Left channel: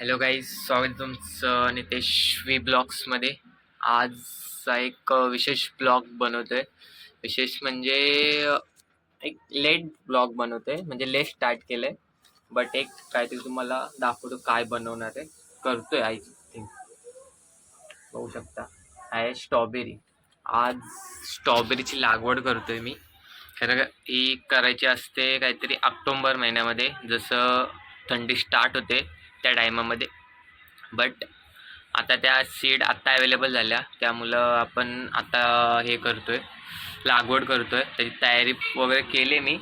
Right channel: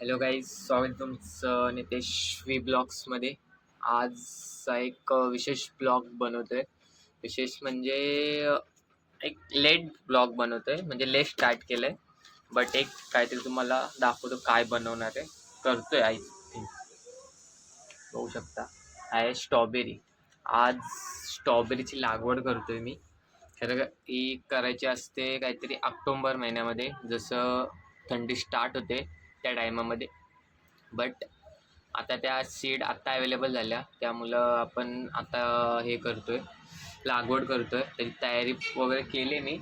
Hello guys, स्वागत आहे तुमचं नितेश व्ही ब्लॉग्समध्ये. आजचा एक विशेष ब्लॉग बनवतोय. विशेष म्हणजे एक लेट ब्लॉग बनवतोय, म्हणजे लेट स्टार्ट केलंय. बट एक काहीतरी तुम्हाला दाखवतो काय बनवणार आहे. करतोय आय थिंक, बघू शकता. आहे स्ट्रॉबेरी. आज स्ट्रॉबेरीची लागवड करतोय मी. खरं ही करायची असते काहीतरी ऑक्टोबर महिन्यामध्ये, जसं थंडी स्टार्ट होते त्या टायमामध्ये. बट आता त्या सीड आत्ता अवेलेबल झाल्या, त्यामुळं आपण आता हे करतोय, लागवड करतोय. त्याची तयारी वगैरे केली मी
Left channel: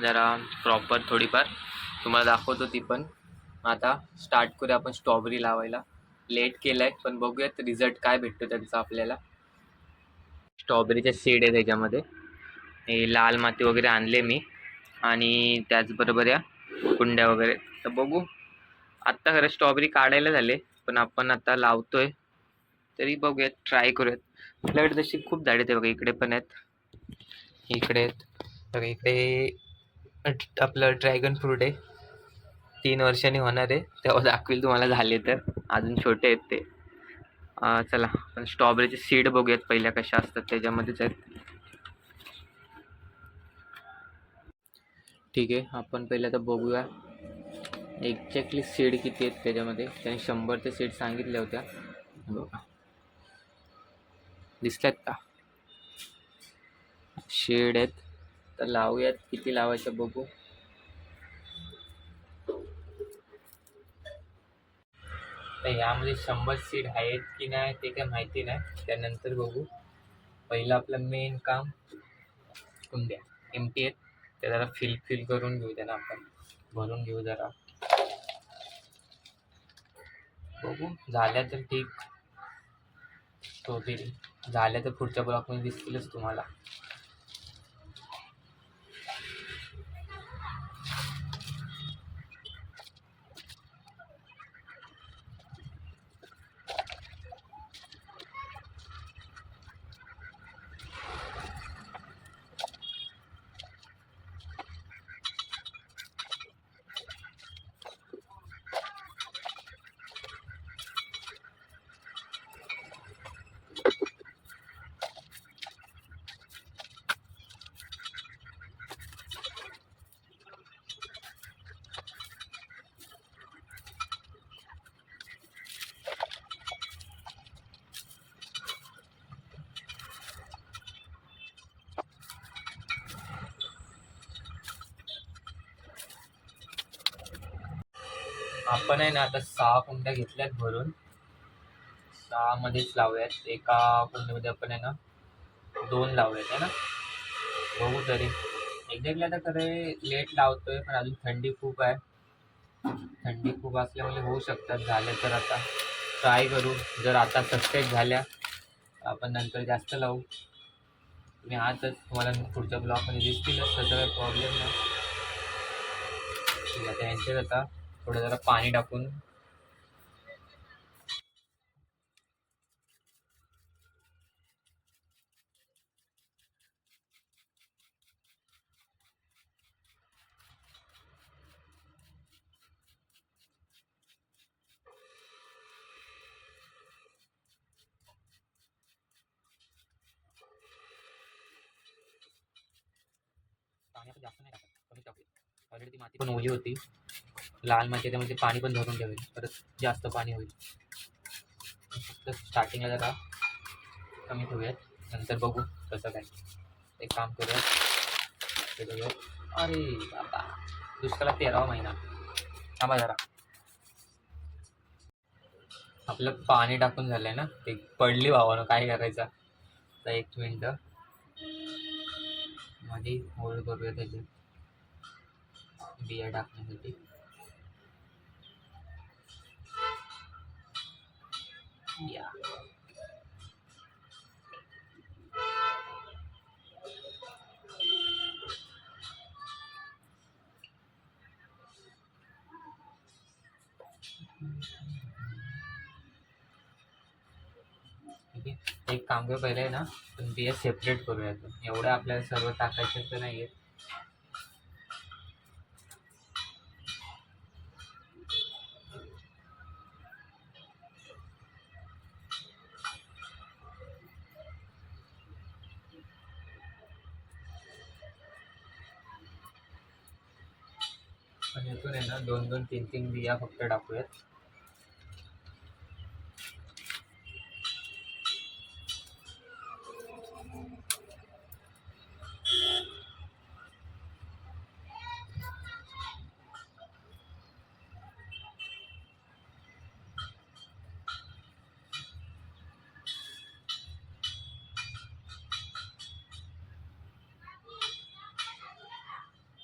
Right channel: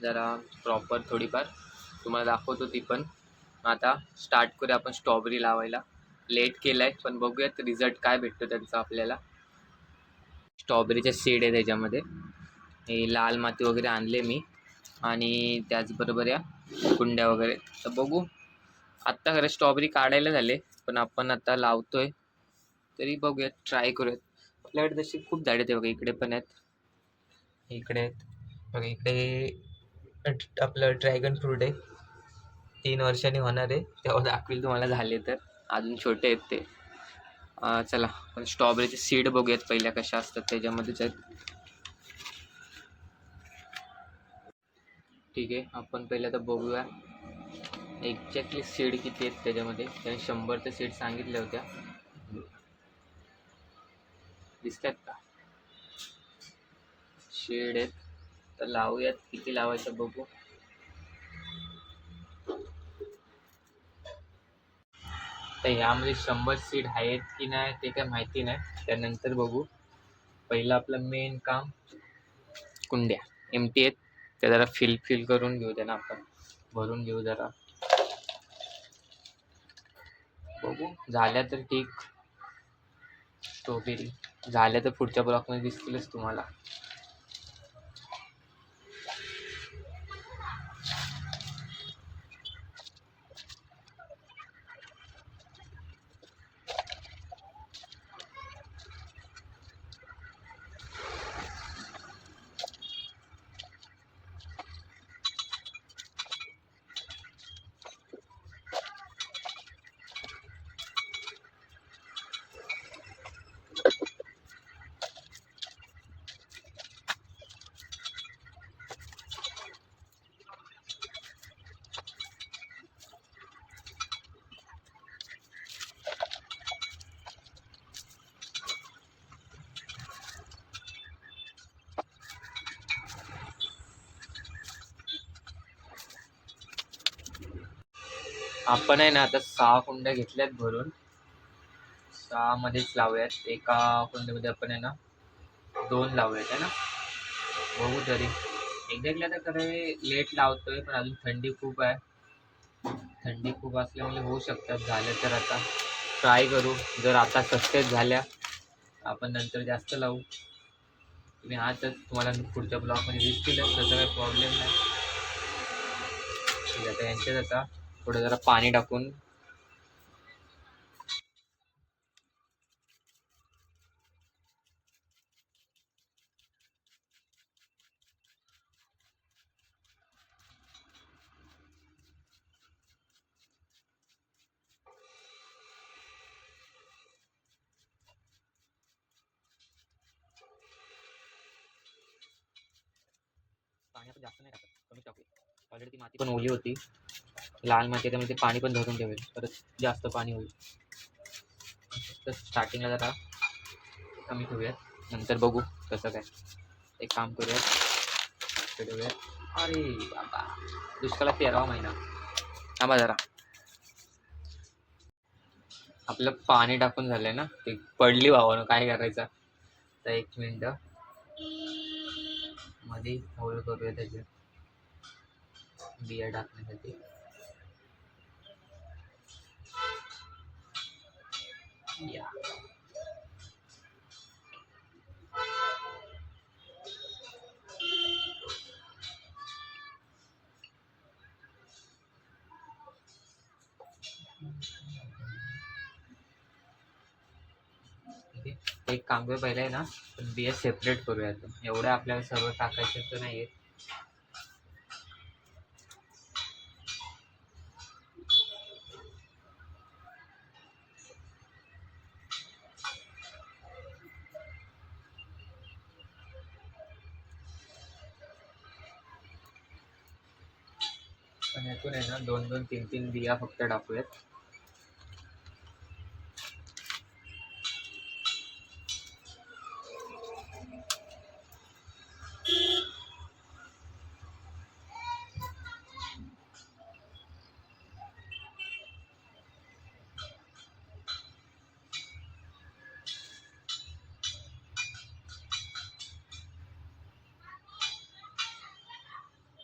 जरा प्रॉपर थोडीफार, तुम्हाला दाखवतो ती पण. आता स्टार्ट करूया आपण स्ट्रॉबेरी लावायला. लेट केलं आहे पण बघूयात रिझल्ट काय भेटतो त्यांचा आपल्याला. स्ट्रॉबेरीचे सीड आहे त्याच्यामध्ये. हे लाल माती वगैरे आणले मी, आणि त्याचबरोबर या कुंड्या वगैरे. तर बघू, आत्ता खरं स्ट्रॉबेरी काढायला झाले, पण आपण आता लावतोय तरी बघूयात, ट्राय करूयात. आपल्याकडे तशी खूप झाडे आहेत बघा, इकडे पण आहेत, इकडे आहेत बघा. इकडे आपलं ड्रॅगन फ्रूट आहे, 3 वर्षांनी होणार आहे, तेव्हा दाखवेल तुम्हाला. झाले तर अजून छोटे आहेत ते. चला पण स्ट्रॉबेरीचे सीड बघूयात पहिल्या कशा असतात, त्याच्यामध्येच आहेत. ठीक आहे, आपण पहिल्या तर बघूया एक्झॅक्टली सीड किती आहेत त्याच्यामध्ये. त्याने 100 सीड सांगितल्या होत्या. बघा, दिसल्यात का? शेड आहेत. तर लावूयात, किती लावायचं बघू. तर ह्यामध्ये 100 सीड आहेत की नाही ते काय माहिती नाही, त्यानंतर बघू. पहिलं आपलं मेन काम, कुंड्या एमटी आहेत त्या जरा फिल करून घेऊ, त्यांना आपण भरून घेऊ जरा. बघू, झाल्या तर ठीक. स्ट्रॉबेरी झाल्या तर पुढच्या ब्लॉकमध्ये दिसतीलच तुम्हाला. आपण आहे ना आता 6 कुंड्या घेतल्यात भरून. 6 मध्येच लावूयात. एका कुंडीमध्ये आपण आहे ना 2 लावूयात, आहे ना. बघू तरी. एक्झॅक्टली आता खरं लेट लावतोय, पण अजून थंडी खूप आहे. थंडी खूप असल्यामुळे होऊ शकतात झालं तर. आता ट्राय करू, जर आता सक्सेस झाल्या आपण नंतर जास्त लावू. तुम्ही आजच, तुम्हाला पुढच्या ब्लॉकमध्ये दिसतीलच, त्याचा काही प्रॉब्लेम नाही. ठीक आहे, आता यांच्यात आता थोडं जरा पाणी टाकून पाणी आपण जास्त नाही टाकत, कमी टाकू. ऑलरेडी ती माती पण ओली होती, लाल माती, त्यामध्ये पाणी पण धरून ठेवेल, परत जास्त पाणी होईल. फक्त स्टार्टिंगला जरा कमी ठेवूयात, नंतर बघू कसं काय. एक काम करूयात. अरे बाबा, दुष्काळात 13वा महिना. थांबा जरा, आपलं पाणी टाकून झालंय ना, ते पडली भावानं, काय करायचं. तर 1 मिनिट मध्ये होल्ड करूया त्याच्यात बिया टाकण्यासाठी. या ठीक आहे. एक काम करूया, पहिलं आहे ना पण बिया सेपरेट करूया. एवढं आपल्याला सर्व टाकायचं तर नाहीये. यातून आहे ना 2-2, 3-3 बिया फक्त टाकूयात.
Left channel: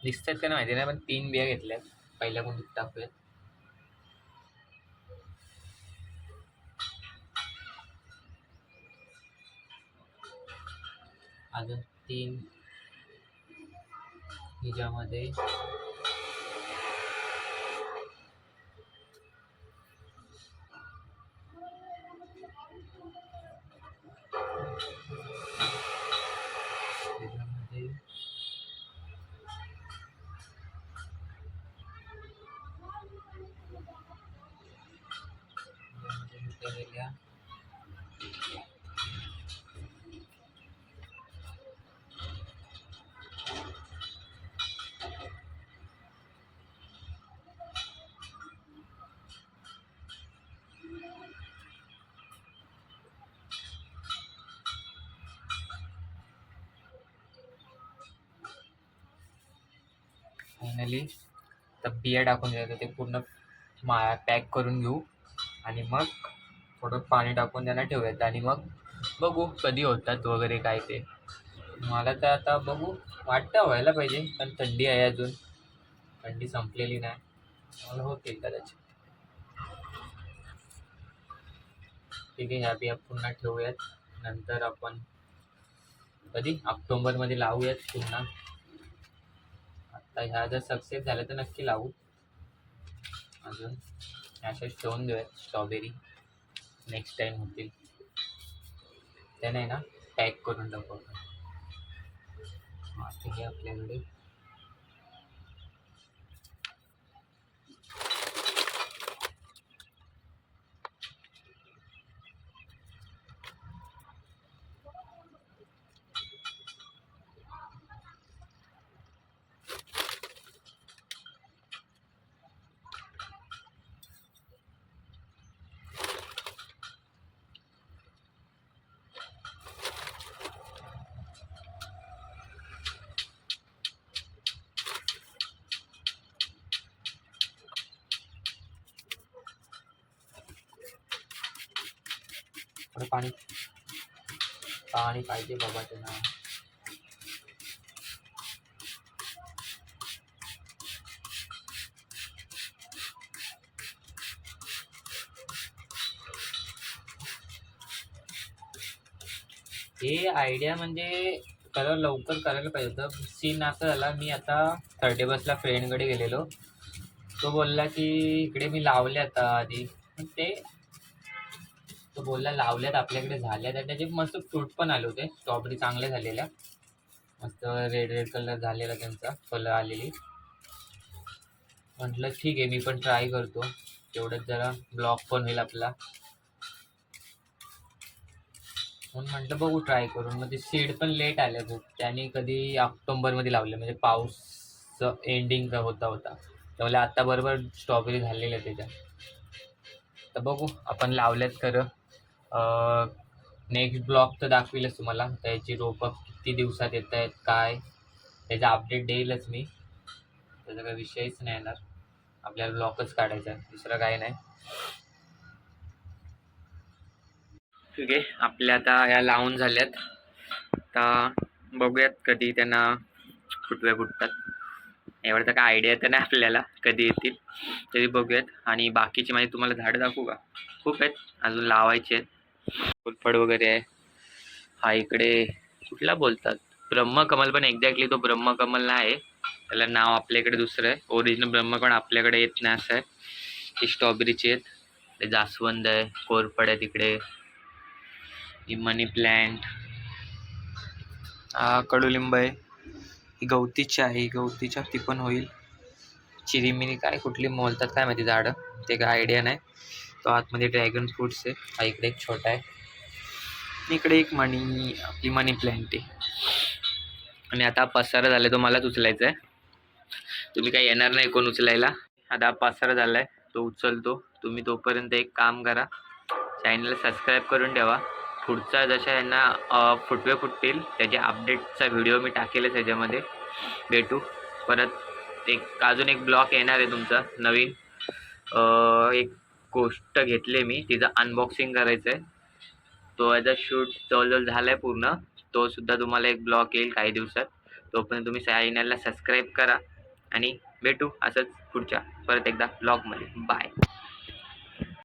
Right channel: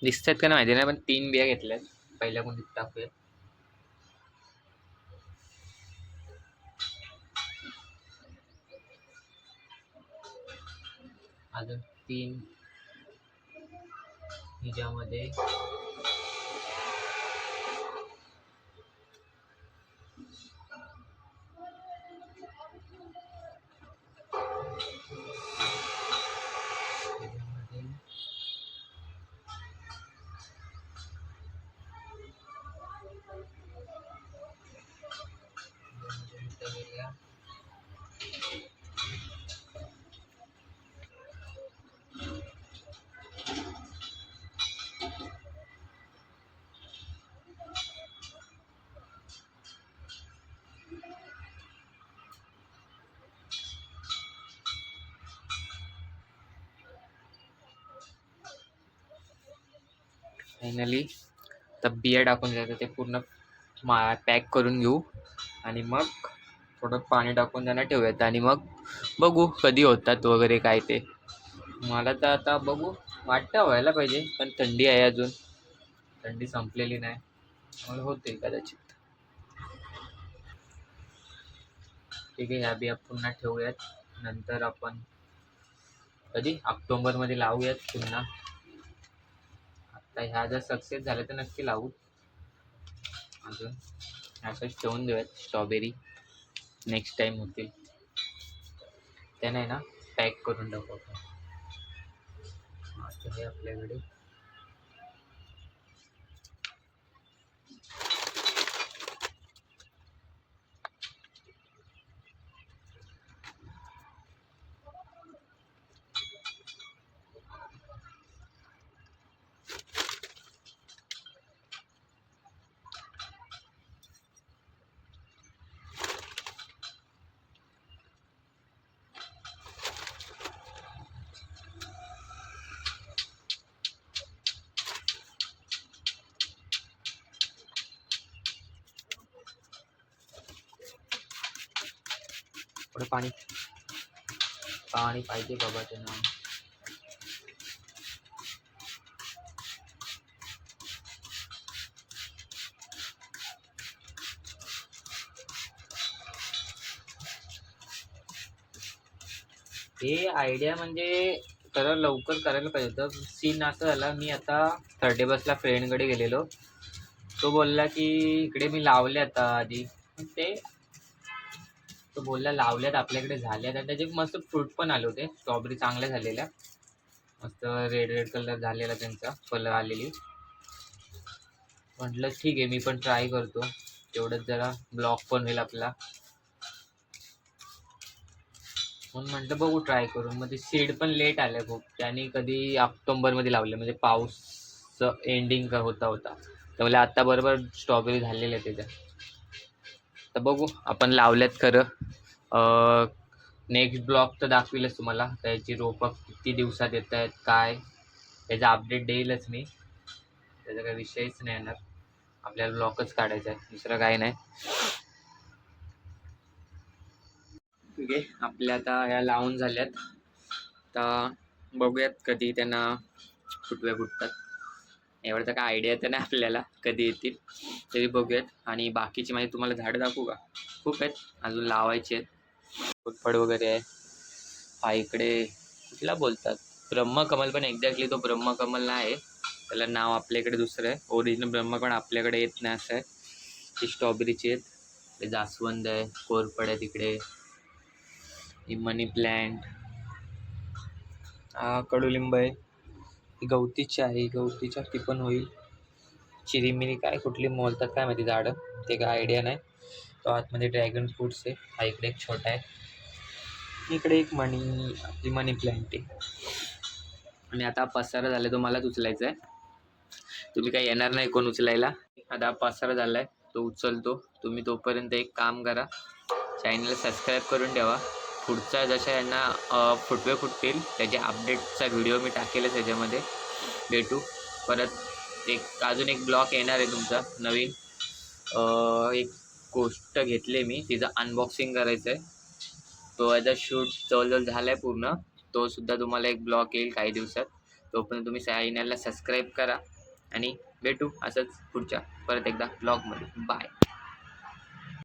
दिसतात का नाही माहिती नाही, पण 3 बिया घेतल्यात. पहिल्या कोणती टाकूयात. अजून 3 हिच्यामध्ये फायनली तर बिया टाकून द्यायचं, ते पूर्ण पॅक करून घेऊ आणि मग थोडं पाणी टाकून त्यांना ठेवूयात आणि मग बघू कधी होतात वगैरे काय ते. मला तर आता बघू वाटतं व्हायला पाहिजे, पण थंडी आहे अजून, थंडी संपलेली नाही, मला होते कदाचित. ठीक आहे, ह्या बिया पुन्हा ठेवूयात. नंतर आपण कधी ऑक्टोबरमध्ये लावूयात पुन्हा. आता ह्या जर सक्सेस झाल्या तर नक्की लावू. अजून अशाच ठेवून देऊयात. स्ट्रॉबेरी नेक्स्ट टाइम होतील त्याने ना पॅक करून टाकू आपण. आता हे आपल्याकडे थोडं पाणी पाहिजे बाबा त्यांना. हे आयडिया म्हणजे लवकर करायला पाहिजे होतं. सीन असं झाला, मी आता 30 बसला फ्रेंडकडे गेलेलो. तो बोलला की इकडे मी लावले आता आधी ते, तो बोलला लावल्यात आपल्याकडे झाल्यात आणि त्याचे मस्त फ्रूट पण आले होते. स्ट्रॉबेरी चांगल्या झालेल्या, मस्त रेड रेड कलर झालेला त्यांचा, फळं आलेली. म्हटलं ठीक आहे, मी पण ट्राय करतो, तेवढंच जरा ब्लॉग पण होईल आपला, म्हणून म्हटलं बघू ट्राय करून. मग ते सीड पण लेट आले खूप, त्याने कधी ऑक्टोबरमध्ये लावले, म्हणजे पाऊस एंडिंग होता त्यामुळे आता बरोबर स्ट्रॉबेरी झालेल्या त्याच्या. तर बघू आपण लावल्यात खरं. नेक्स्ट ब्लॉग तर दाखवीलच तुम्हाला, त्याची रोपं किती दिवसात येत आहेत काय, त्याचा अपडेट देईलच मी. त्याचा काही विषयच नाही येणार, आपल्याला ब्लॉगच काढायचा आहे, दुसरं काही नाही. ठीक आहे, आपल्या आता ह्या लावून झाल्यात. आता बघूयात कधी त्यांना फुटतात. एवढं तर काय आयडिया तर नाही आपल्याला कधी येतील, तरी बघूयात. आणि बाकीची माहिती तुम्हाला झाडं दाखवू का, खूप आहेत अजून लावायचे आहेत. फुलफळ वगैरे आहे. हा इकडे कुठला बोलतात, ब्रह्मकमल, पण एक्झॅक्टली तो ब्रह्मकमल नाही आहे, त्याला नाव आपल्या इकडे दुसरं आहे. ओरिजिनल ब्रह्मकमल आपल्याकडे येत नाही असं आहे. ही स्ट्रॉबेरीची आहेत, ते जास्वंद आहे, कोरफड आहे तिकडे, ही मनी प्लॅन्ट, हा कडुलिंब आहे, ही गवतीची आहे, ही गवतीच्या ती पण होईल. चिरीमिरी काय कुठली बोलतात काय माहिती झाडं, ते काय आयडिया नाही. तो आतमध्ये ड्रॅगन फ्रूट्स आहे. हा इकडे एक छोटा आहे, इकडे एक आपली मनी प्लॅन्ट आहे. आणि आता पसारा झाला तो मलाच उचलायचा आहे. तुम्ही काही येणार नाही कोण उचलायला. आता पसारा झालाय तो उचलतो. तुम्ही तोपर्यंत एक काम करा, चॅनल सबस्क्राईब करून ठेवा. पुढचा जशा यांना फुटवे फुटतील त्याच्या अपडेटचा व्हिडिओ मी टाकेलच याच्यामध्ये. भेटू परत. अजून एक ब्लॉग येणार आहे तुमचा नवीन. एक गोष्ट घेतली मी, तिचं अनबॉक्सिंग करायचं आहे. तो याचा शूट जवळजवळ झाला आहे पूर्ण. तो सुद्धा तुम्हाला एक ब्लॉग येईल काही दिवसात. तोपर्यंत तुम्ही चॅनलला सबस्क्राईब करा आणि भेटू असंच पुढच्या परत एकदा ब्लॉगमध्ये. बाय.